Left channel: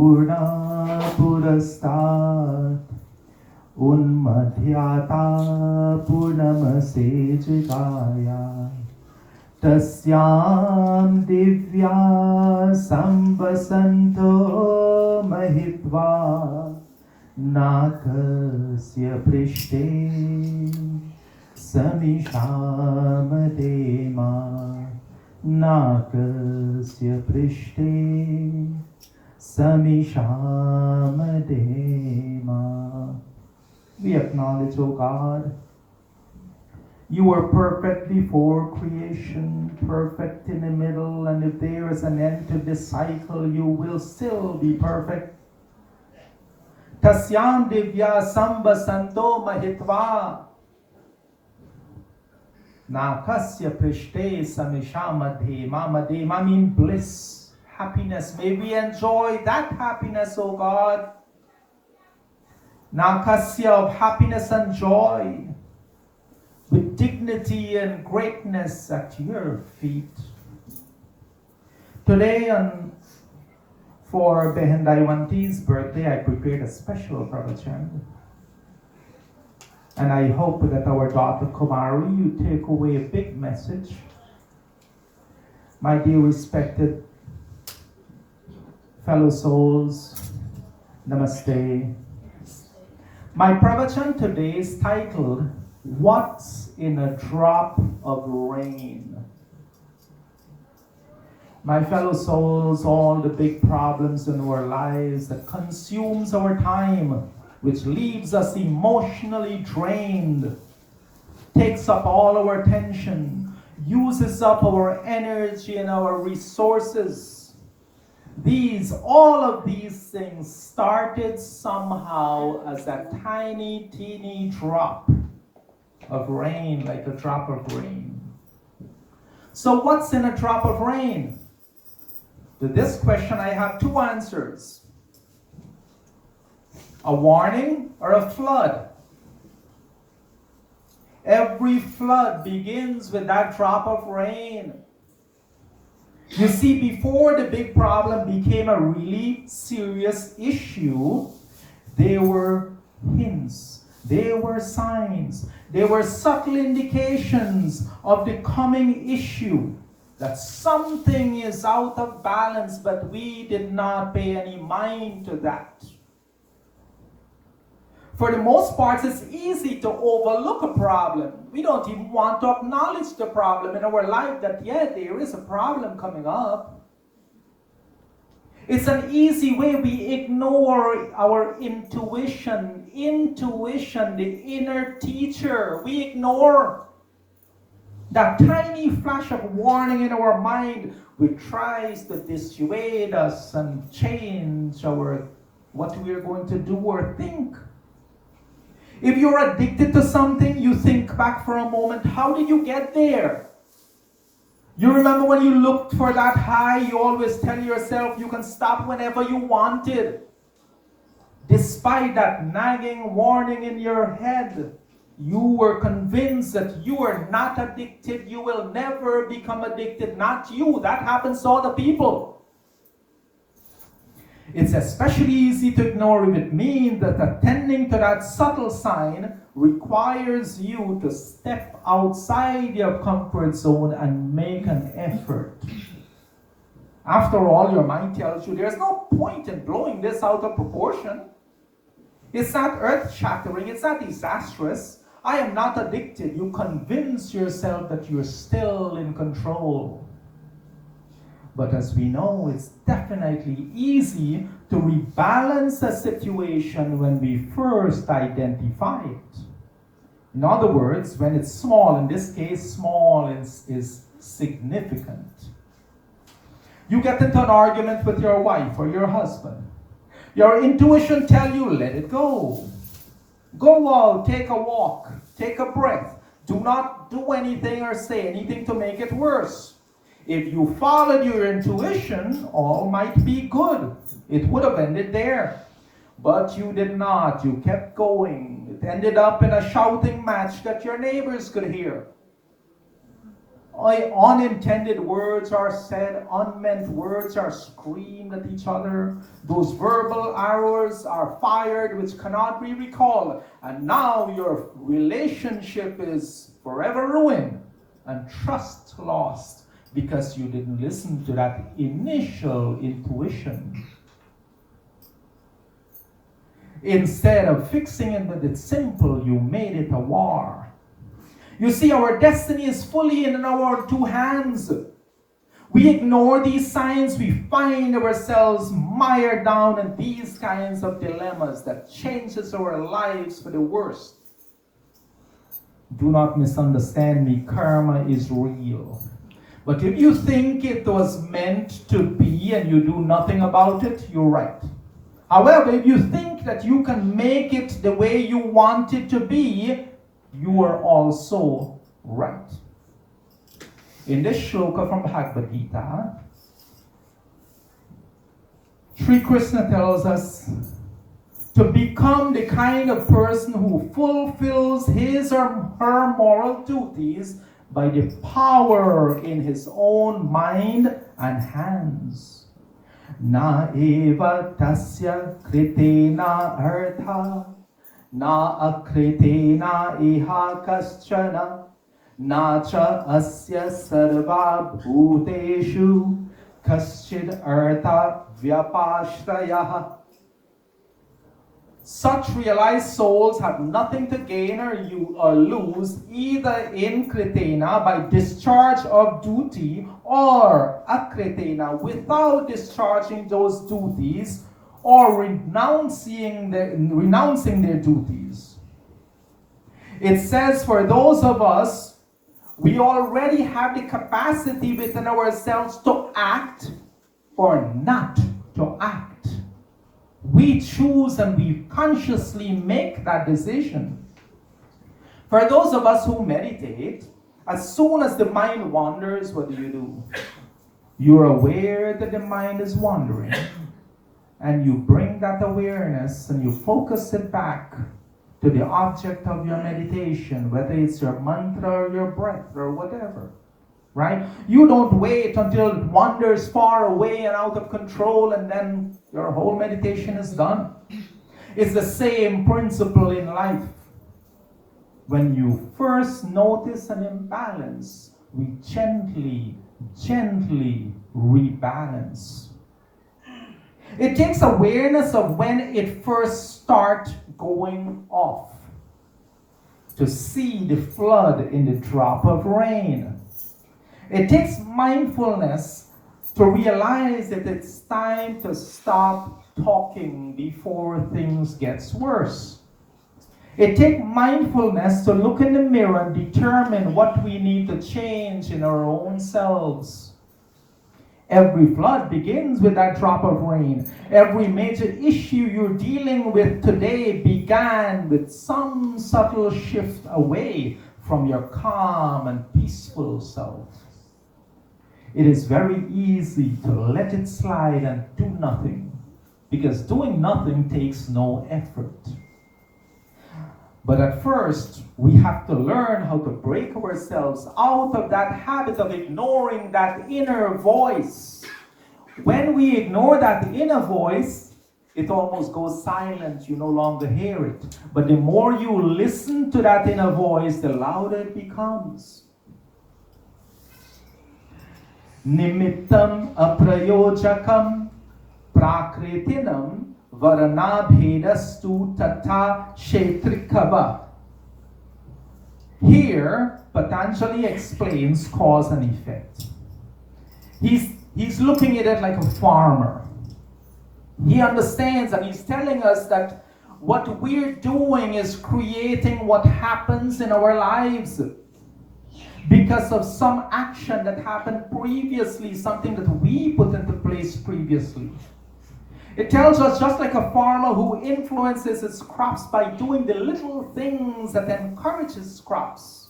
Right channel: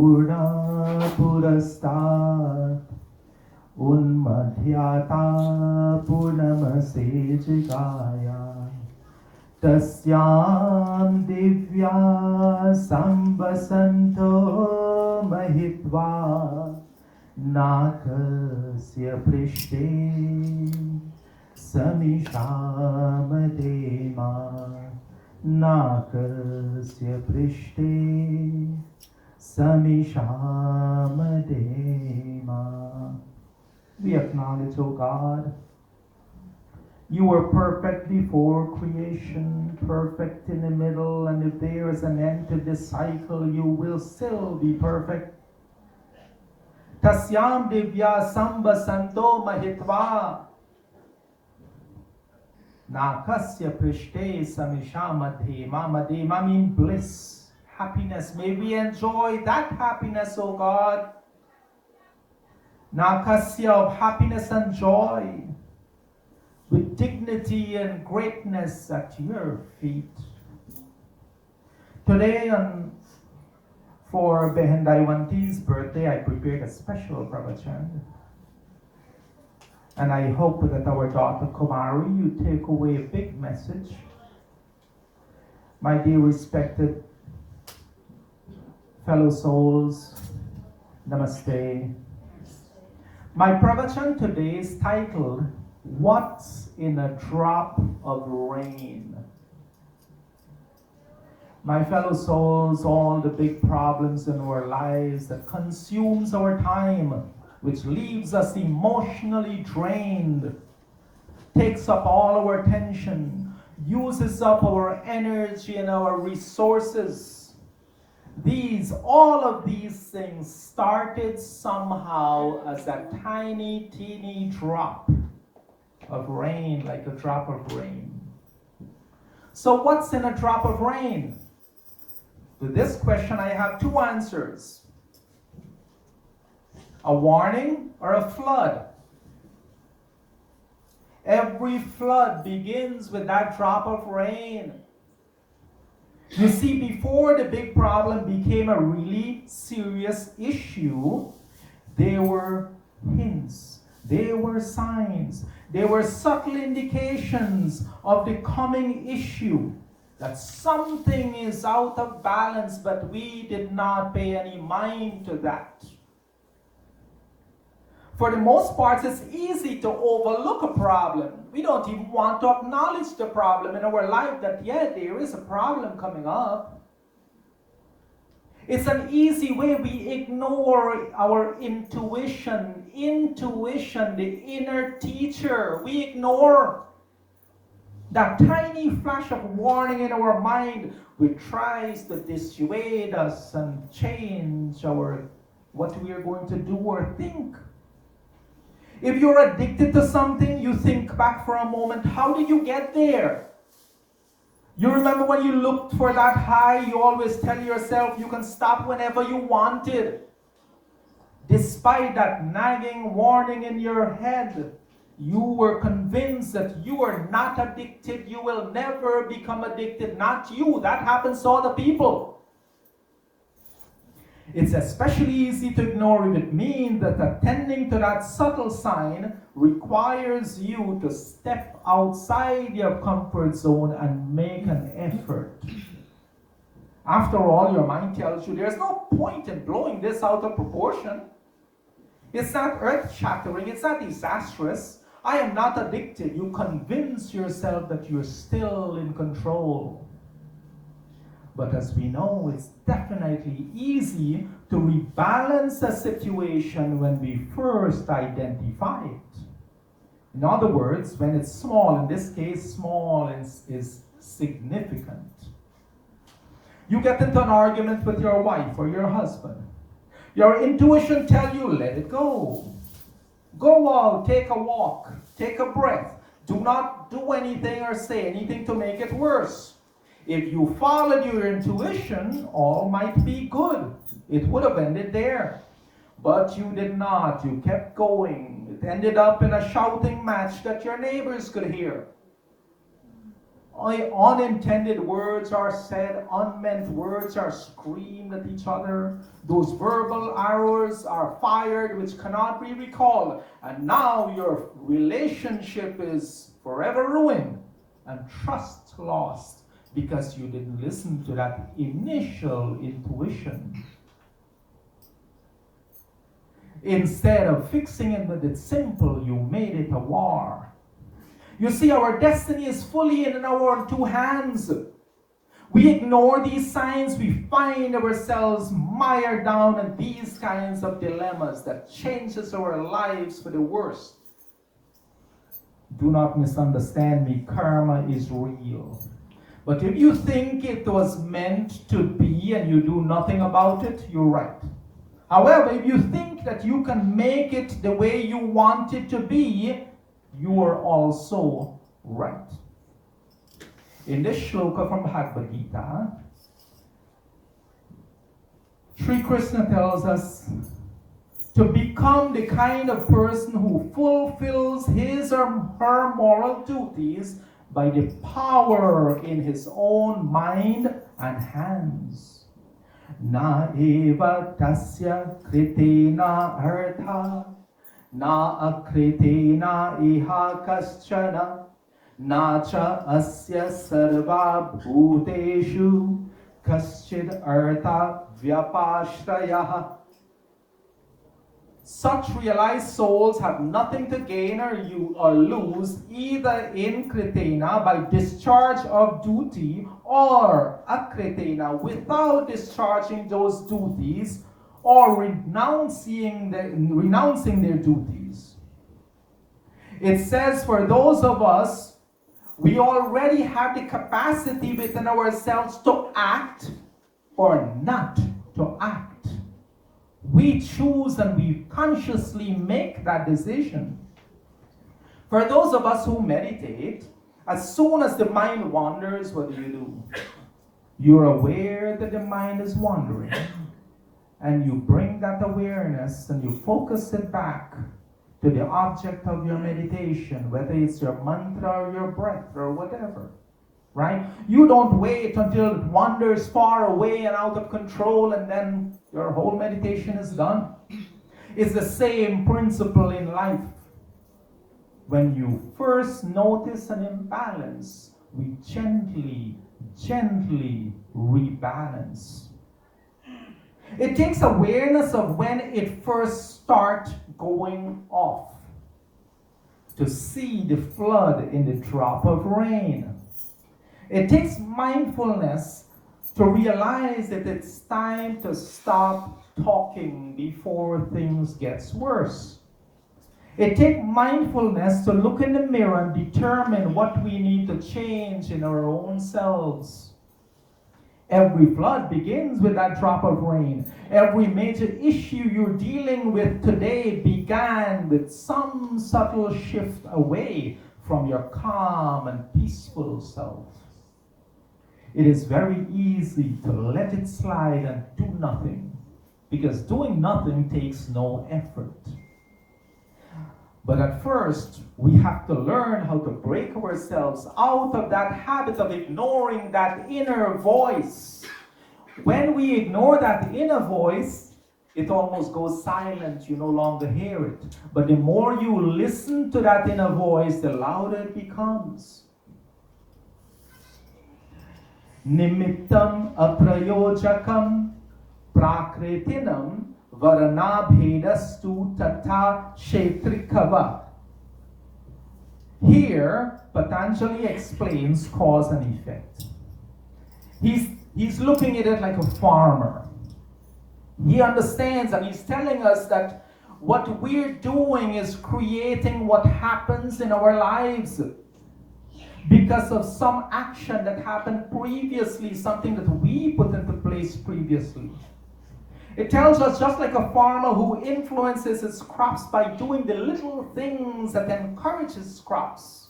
पूर्णा पुरस्तात् उन्मध्यता पूर्णमसेचिकाया तस्यां दिव्या संवसन्तो महित्वा नाथस्य पृष्ठे समिषामदेमा नाथस्य पृष्ठे समिषामदेमा. We acknowledge, O God, you were perfect before creation, perfect in the middle, and if there is an end to this cycle, you will still be perfect. Tasyam divya samvasanto mahitva nakasya prishte samishamadhema. Madhema means bliss, happiness. May we enjoy that happiness, O God. Nakasya of happiness and joy, with dignity and greatness at your feet. Today, for Behan Daiwanti's birthday, I prepared a special Pravachan. And I hope that our daughter Kumari, you take away a big message. My dear respected fellow souls, Namaste. My Pravachan today is titled, What's in a Drop of Rain? My fellow souls, all the big problems in our lives that consumes our time, which leaves us emotionally drained, takes up all our attention, uses up our energy and our resources. All of these things started somehow as a tiny, teeny drop of rain, like a drop of rain. So what's in a drop of rain? To this question, I have two answers. A warning or a flood. Every flood begins with that drop of rain. You see, before the big problem became a really serious issue, there were hints, there were signs, there were subtle indications of the coming issue, that something is out of balance, but we did not pay any mind to that. For the most part, it's easy to overlook a problem. We don't even want to acknowledge the problem in our life, that, yeah, there is a problem coming up. It's an easy way we ignore our intuition, the inner teacher. We ignore that tiny flash of warning in our mind, which tries to dissuade us and change what we are going to do or think. If you're addicted to something, you think back for a moment, how did you get there? You remember when you looked for that high, you always tell yourself you can stop whenever you wanted. Despite that nagging warning in your head, you were convinced that you are not addicted, you will never become addicted, not you. That happens to other people. It's especially easy to ignore if it means that attending to that subtle sign requires you to step outside your comfort zone and make an effort. After all, your mind tells you there's no point in blowing this out of proportion. It's not earth-shattering, it's not disastrous. I am not addicted. You convince yourself that you're still in control. But as we know, it's definitely easy to rebalance a situation when we first identify it. In other words, when it's small, in this case, small is significant. You get into an argument with your wife or your husband. Your intuition tells you, let it go. Go out, take a walk, take a breath. Do not do anything or say anything to make it worse. If you followed your intuition, all might be good. It would have ended there. But you did not. You kept going. It ended up in a shouting match that your neighbors could hear. Unintended words are said, unmeant words are screamed at each other. Those verbal arrows are fired which cannot be recalled. And now your relationship is forever ruined and trust lost because you didn't listen to that initial intuition. Instead of fixing it with it simple, you made it a war. You see, our destiny is fully in our two hands. We ignore these signs, we find ourselves mired down in these kinds of dilemmas that changes our lives for the worst. Do not misunderstand me, karma is real. But if you think it was meant to be and you do nothing about it, you're right. However, if you think that you can make it the way you want it to be, you are also right. In this shloka from Bhagavad Gita, Sri Krishna tells us to become the kind of person who fulfills his or her moral duties by the power in his own mind and hands. Na eva tasya kritena artha na akritena iha kaschana na cha asya sarva bhuteshu kaschid artha vyapashrayah. Such realized souls have nothing to gain or lose either in kritena by discharge of duty or akritena without discharging those duties or renouncing their duties. It says for those of us, we already have the capacity within ourselves to act or not to act. We choose and we consciously make that decision. For those of us who meditate, as soon as the mind wanders, what do? You're aware that the mind is wandering, and you bring that awareness and you focus it back to the object of your meditation, whether it's your mantra or your breath or whatever. Right? You don't wait until it wanders far away and out of control and then your whole meditation is done. It's the same principle in life. When you first notice an imbalance, we gently rebalance. It takes awareness of when it first starts going off to see the flood in the drop of rain. It takes mindfulness to realize that it's time to stop talking before things get worse. It takes mindfulness to look in the mirror and determine what we need to change in our own selves. Every flood begins with that drop of rain. Every major issue you're dealing with today began with some subtle shift away from your calm and peaceful self. It is very easy to let it slide and do nothing, because doing nothing takes no effort. But at first, we have to learn how to break ourselves out of that habit of ignoring that inner voice. When we ignore that inner voice, it almost goes silent. You no longer hear it. But the more you listen to that inner voice, the louder it becomes. Nimittam aprayojakam prakritinam varanabhedastu tata kshetrikava. Here, Patanjali explains cause and effect. He's looking at it like a farmer. He understands and he's telling us that what we're doing is creating what happens in our lives because of some action that happened previously, something that we put into place previously. It tells us just like a farmer who influences his crops by doing the little things that encourage his crops.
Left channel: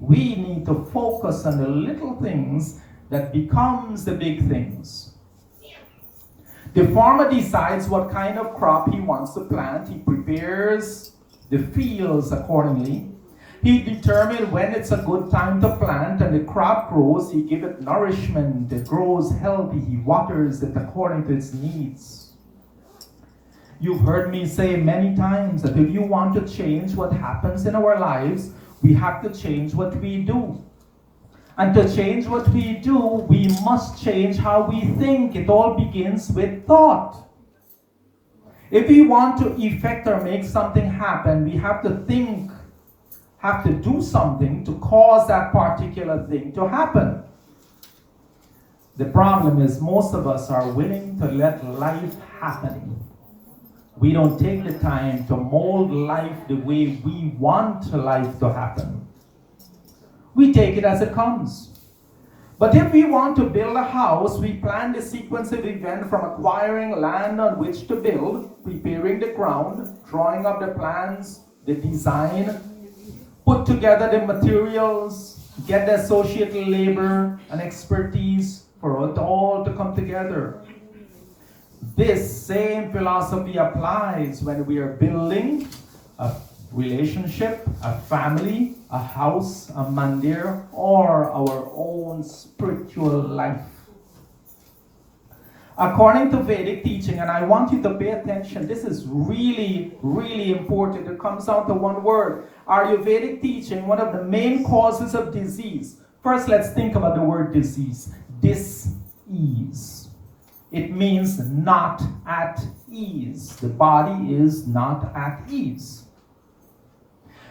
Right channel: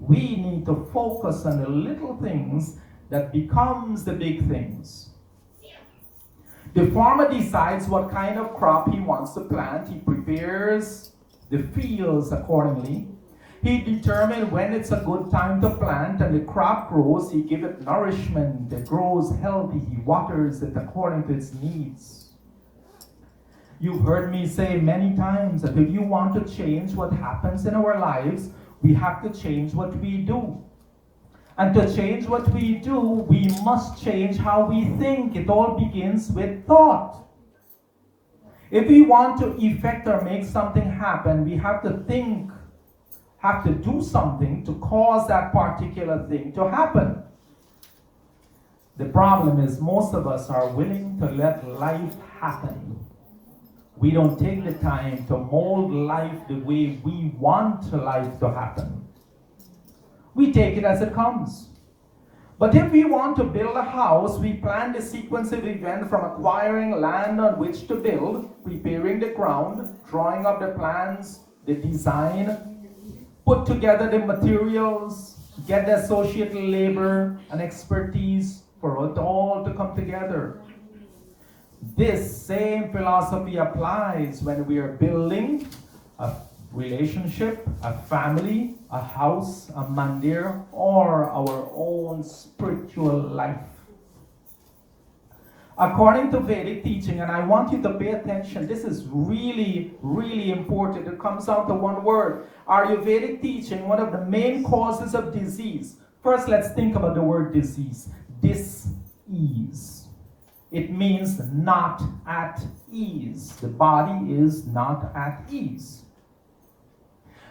We need to focus on the little things that becomes the big things. The farmer decides what kind of crop he wants to plant. He prepares the fields accordingly. He determines when it's a good time to plant, and the crop grows. He gives it nourishment. It grows healthy. He waters it according to its needs. You've heard me say many times that if you want to change what happens in our lives, we have to change what we do. And to change what we do, we must change how we think. It all begins with thought. If we want to effect or make something happen, we have to think, have to do something to cause that particular thing to happen. The problem is most of us are willing to let life happen. We don't take the time to mold life the way we want life to happen. We take it as it comes. But if we want to build a house, we plan the sequence of events from acquiring land on which to build, preparing the ground, drawing up the plans, the design, put together the materials, get the associated labor and expertise for it all to come together. This same philosophy applies when we are building a relationship, a family, a house, a mandir, or our own spiritual life. According to Vedic teaching, and I want you to pay attention, this is really, really important. It comes down to one word. Ayurvedic teaching, one of the main causes of disease. First, let's think about the word disease. Dis-ease. It means not at ease. The body is not at ease.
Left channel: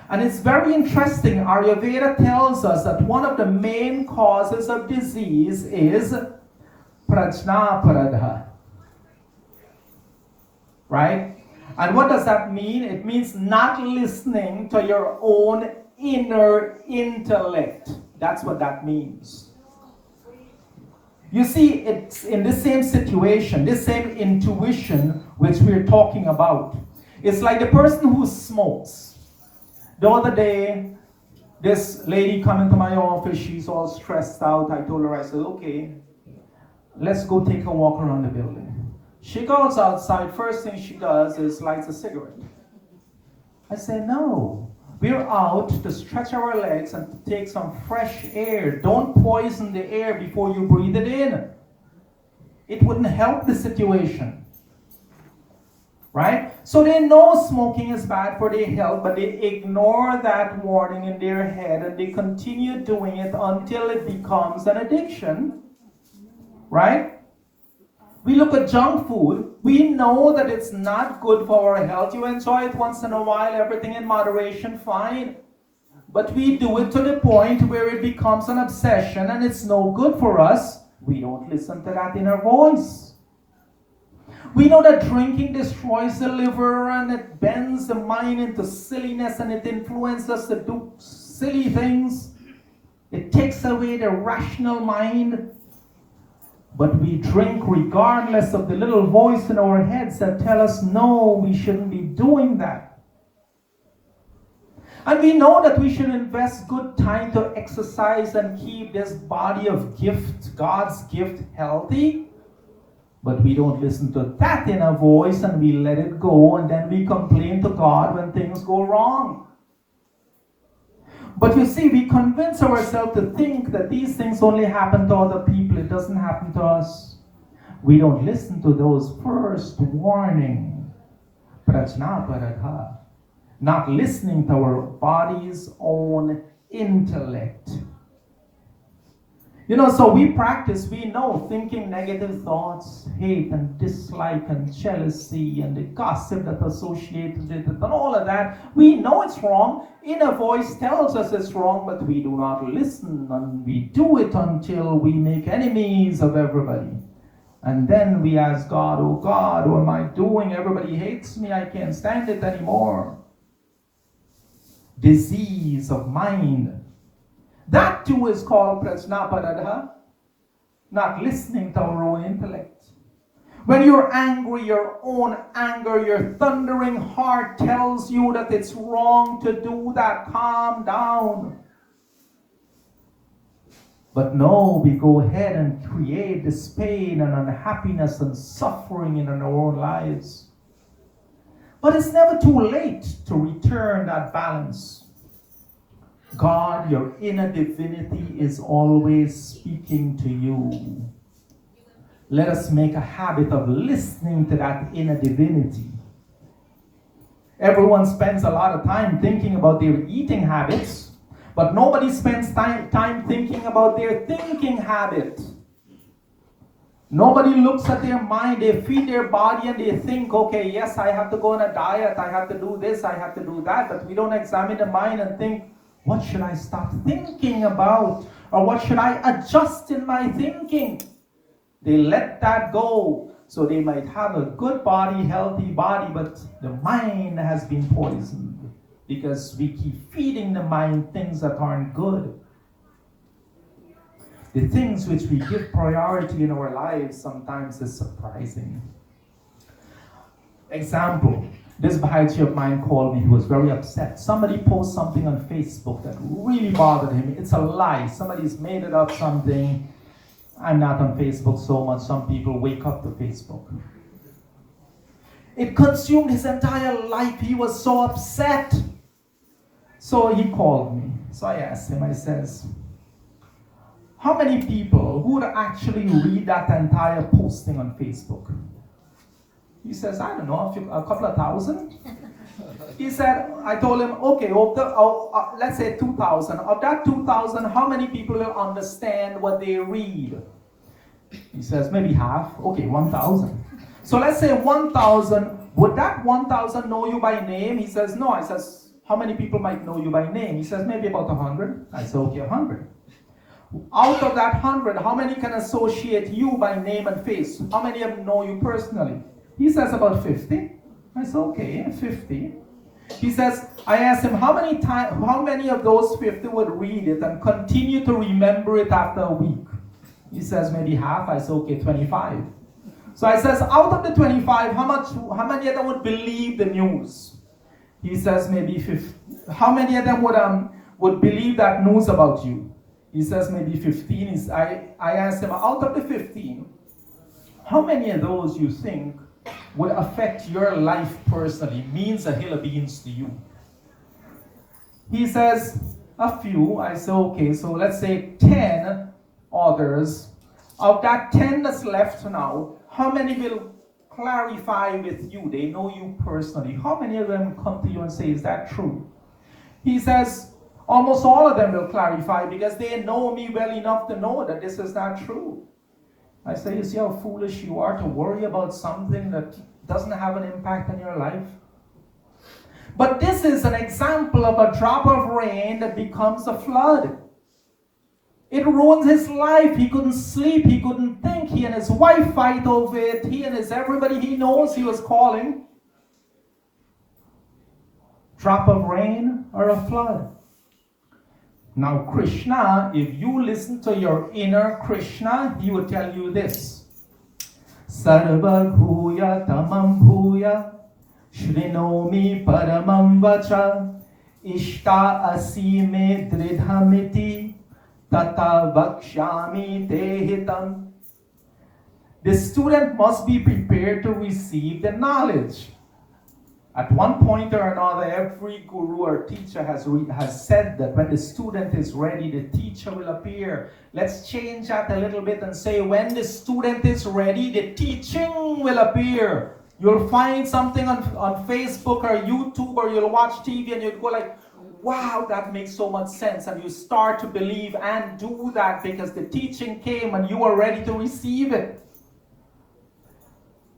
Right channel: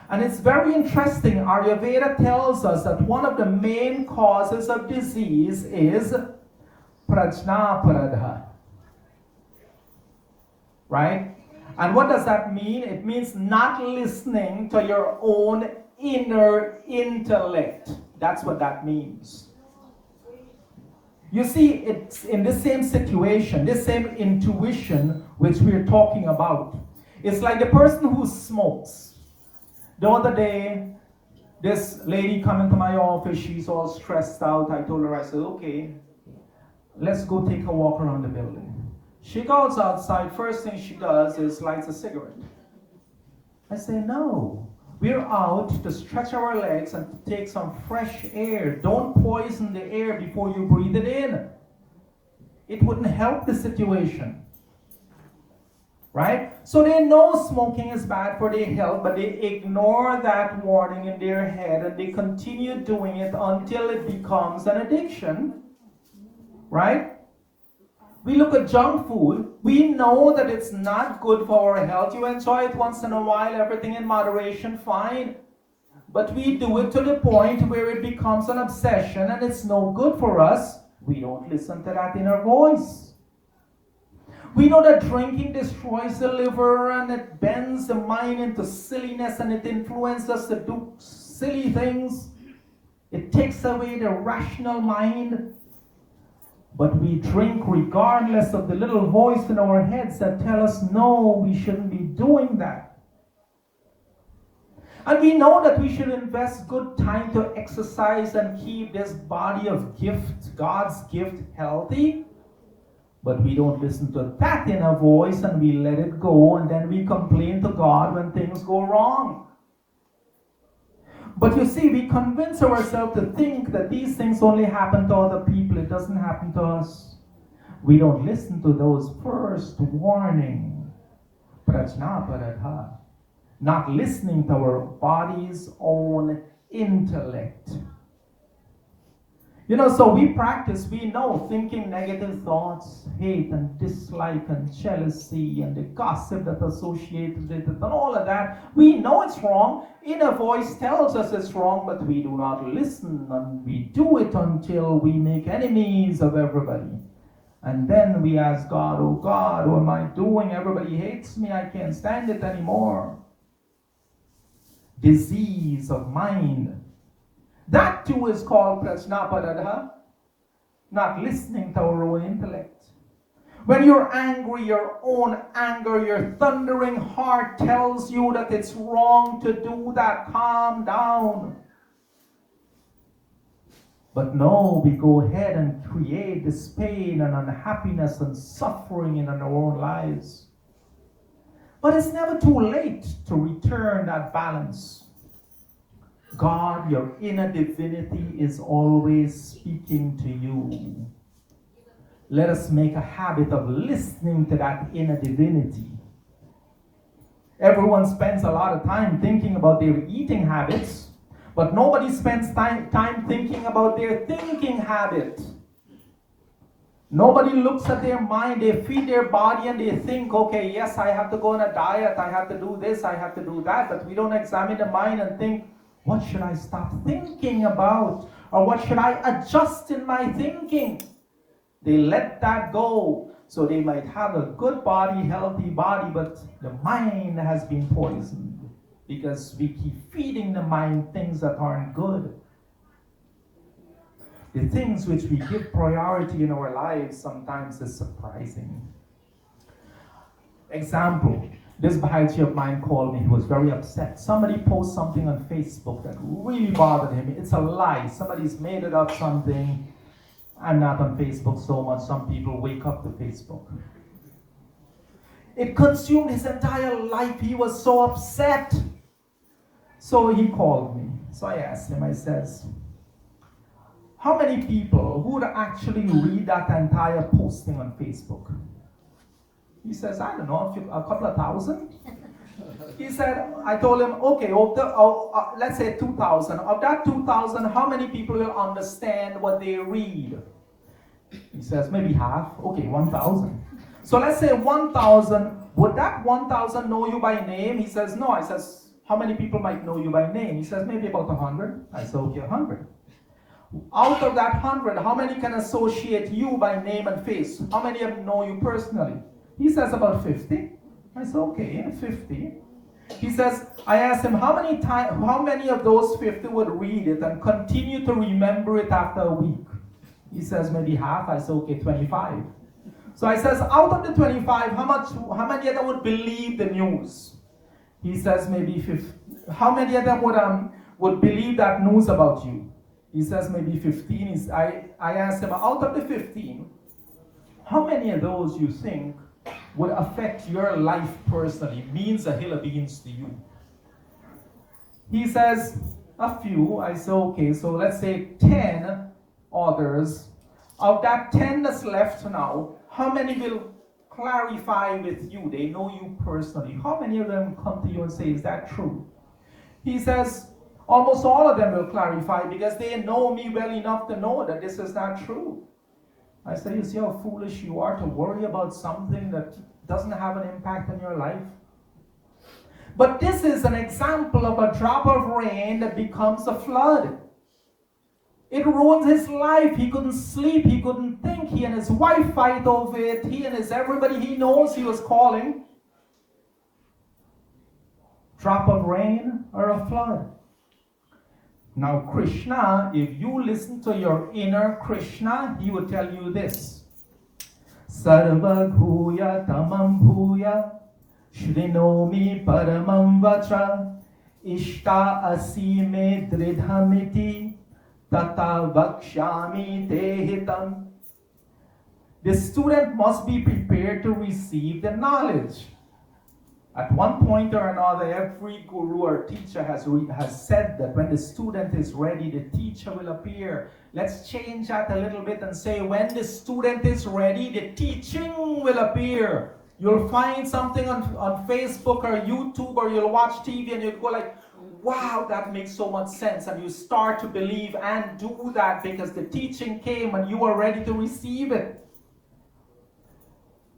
And it's very interesting. Ayurveda tells us that one of the main causes of disease is prajnaparadha. Right? And what does that mean? It means not listening to your own inner intellect. That's what that means. You see, it's in the same situation, this same intuition which we're talking about. It's like the person who smokes. The other day, this lady come into my office, she's all stressed out. I told her, I said, okay, let's go take a walk around the building. She goes outside, first thing she does is lights a cigarette. I say, no, we're out to stretch our legs and to take some fresh air. Don't poison the air before you breathe it in. It wouldn't help the situation. Right? So they know smoking is bad for their health, but they ignore that warning in their head and they continue doing it until it becomes an addiction. Right? We look at junk food. We know that it's not good for our health. You enjoy it once in a while, everything in moderation, fine. But we do it to the point where it becomes an obsession and it's no good for us. We don't listen to that inner voice. We know that drinking destroys the liver and it bends the mind into silliness and it influences us to do silly things. It takes away the rational mind. But we drink regardless of the little voice in our heads that tell us, no, we shouldn't be doing that. And we know that we should invest good time to exercise and keep this body of gift, God's gift, healthy. But we don't listen to that inner voice and we let it go and then we complain to God when things go wrong. But you see, we convince ourselves to think that these things only happen to other people. It doesn't happen to us. We don't listen to those first warning. Prajnaparadha. Not listening to our body's own intellect. You know, so we practice, we know thinking negative thoughts, hate and dislike and jealousy and the gossip that associated with it and all of that. We know it's wrong. Inner voice tells us it's wrong, but we do not listen and we do it until we make enemies of everybody. And then we ask God, oh God, what am I doing? Everybody hates me. I can't stand it anymore. Disease of mind. That too is called prajnaparadha, not listening to our own intellect. When you're angry, your own anger, your thundering heart tells you that it's wrong to do that. Calm down. But no, we go ahead and create this pain and unhappiness and suffering in our own lives. But it's never too late to return that balance. God, your inner divinity is always speaking to you. Let us make a habit of listening to that inner divinity. Everyone spends a lot of time thinking about their eating habits, but nobody spends time thinking about their thinking habit. Nobody looks at their mind. They feed their body and they think, okay, yes, I have to go on a diet, I have to do this, I have to do that, but we don't examine the mind and think, what should I stop thinking about? Or what should I adjust in my thinking? They let that go. So they might have a good body, healthy body, but the mind has been poisoned because we keep feeding the mind things that aren't good. The things which we give priority in our lives sometimes is surprising. Example, this Bhaiji of mine called me. He was very upset. Somebody posted something on Facebook that really bothered him. It's a lie. Somebody's made it up something. I'm not on Facebook so much. Some people wake up to Facebook. It consumed his entire life. He was so upset. So he called me. So I asked him, I says, how many people would actually read that entire posting on Facebook? He says, I don't know, a couple of thousand. He said, I told him, okay, let's say 2,000. Of that 2,000, how many people will understand what they read? He says, maybe half. Okay, 1,000. So let's say 1,000. Would that 1,000 know you by name? He says, no. I says, how many people might know you by name? He says, maybe about 100. I said, okay, 100. Out of that 100, how many can associate you by name and face? How many of them know you personally? He says about 50. I said, okay, 50. He says, I asked him, how many of those 50 would read it and continue to remember it after a week? He says, maybe half. I said, okay, 25. So I says, out of the 25, how many of them would believe the news? He says, maybe 50. How many of them would believe that news about you? He says, maybe 15. I asked him, out of the 15, how many of those you think would affect your life personally, means a hill of beans to you? He says, a few. I say, okay, so let's say 10 others. Of that 10 that's left now, how many will clarify with you? They know you personally. How many of them come to you and say, is that true? He says, almost all of them will clarify because they know me well enough to know that this is not true. I say, you see how foolish you are to worry about something that doesn't have an impact on your life? But this is an example of a drop of rain that becomes a flood. It ruins his life. He couldn't sleep. He couldn't think. He and his wife fight over it. He and everybody he knows he was calling. Drop of rain or a flood. Now Krishna, if you listen to your inner Krishna, he will tell you this. Sarva bhuya tamam bhuya shrinomi paramam vacha ishta asime dridhamiti tata vakshami tehitam. The student must be prepared to receive the knowledge. At one point or another, every guru or teacher has said that when the student is ready, the teacher will appear. Let's change that a little bit and say, when the student is ready, the teaching will appear. You'll find something on Facebook or YouTube, or you'll watch TV and you'll go like, wow, that makes so much sense. And you start to believe and do that because the teaching came and you are ready to receive it.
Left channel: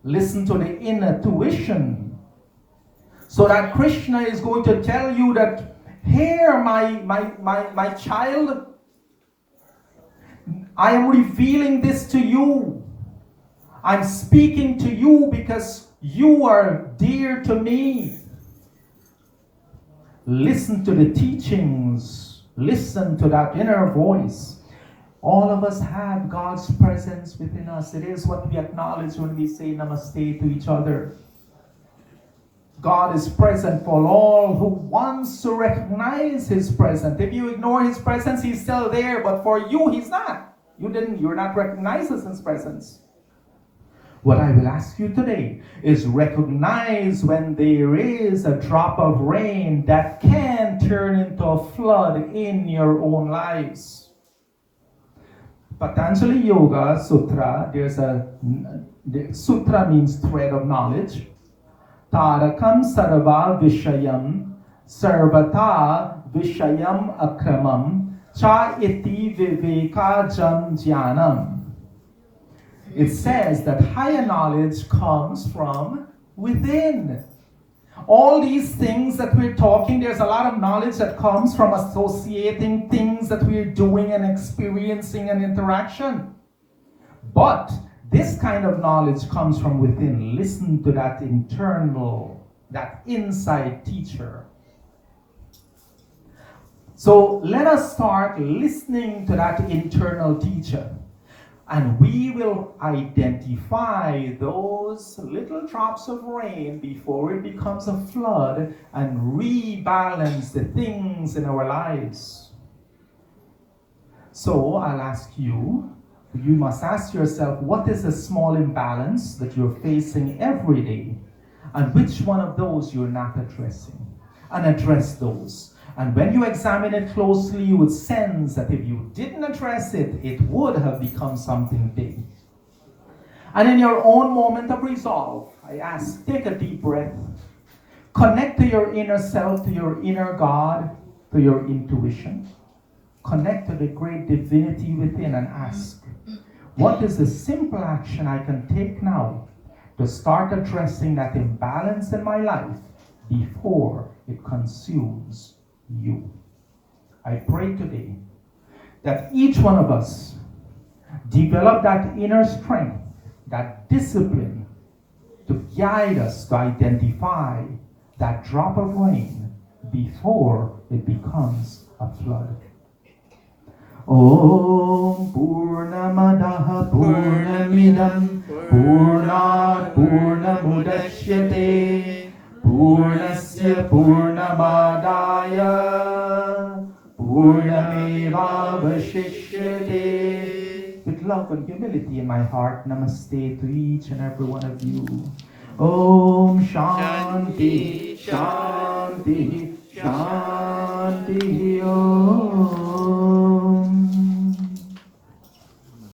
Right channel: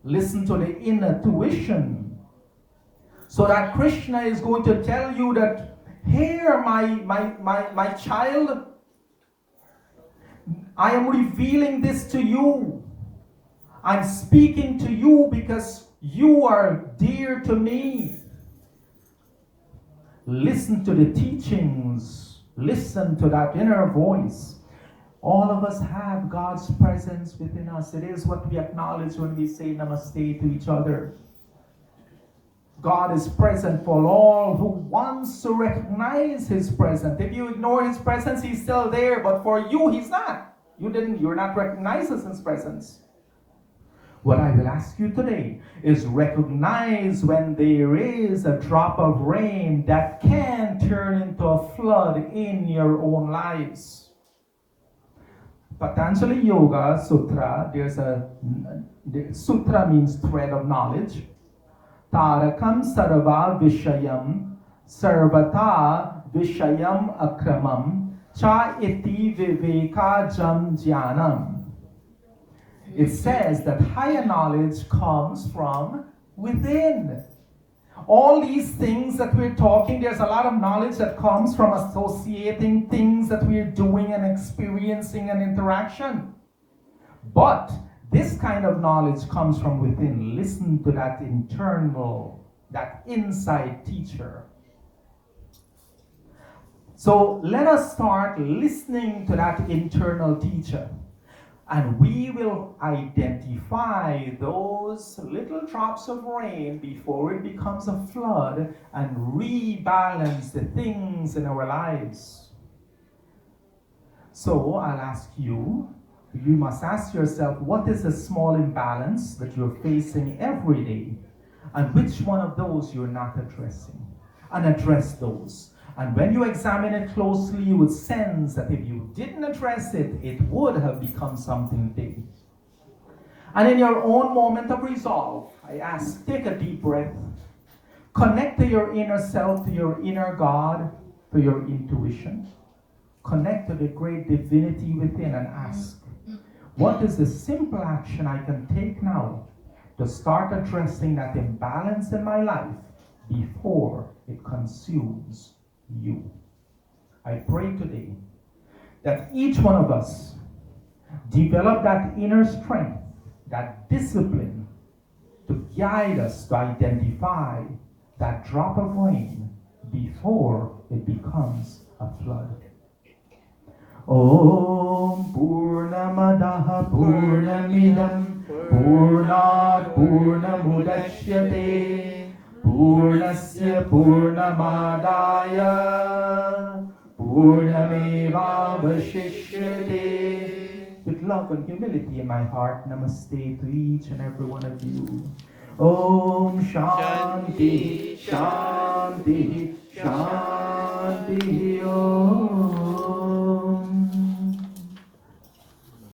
Listen to the inner tuition. So that Krishna is going to tell you that, here, my child, I am revealing this to you. I'm speaking to you because you are dear to me. Listen to the teachings. Listen to that inner voice. All of us have God's presence within us. It is what we acknowledge when we say namaste to each other. God is present for all who wants to recognize his presence. If you ignore his presence, he's still there, but for you, he's not. You're not recognizing his presence. What I will ask you today is recognize when there is a drop of rain that can turn into a flood in your own lives. Patanjali Yoga Sutra, Sutra means thread of knowledge. Tarakam sarva vishayam sarvata vishayam akramam cha iti viveka jam jnanam. It says that higher knowledge comes from within. All these things that we're talking, there's a lot of knowledge that comes from associating things that we're doing and experiencing and interaction. But this kind of knowledge comes from within. Listen to that internal, that inside teacher. So let us start listening to that internal teacher. And we will identify those little drops of rain before it becomes a flood and rebalance the things in our lives. So I'll ask you, you must ask yourself, what is the small imbalance that you're facing every day? And which one of those you're not addressing? And address those. And when you examine it closely, you would sense that if you didn't address it, it would have become something big. And in your own moment of resolve, I ask, take a deep breath. Connect to your inner self, to your inner God, to your intuition. Connect to the great divinity within and ask, what is the simple action I can take now to start addressing that imbalance in my life before it consumes you? I pray today that each one of us develop that inner strength, that discipline to guide us to identify that drop of rain before it becomes a flood. Om Purnamadaha Purnamidam Purnat Purnamudashyate Purnasya Purnamadaya Purnamevavashishyate. With love and humility in my heart, namaste to each and every one of you. Om Shanti, Shanti, Shanti Om.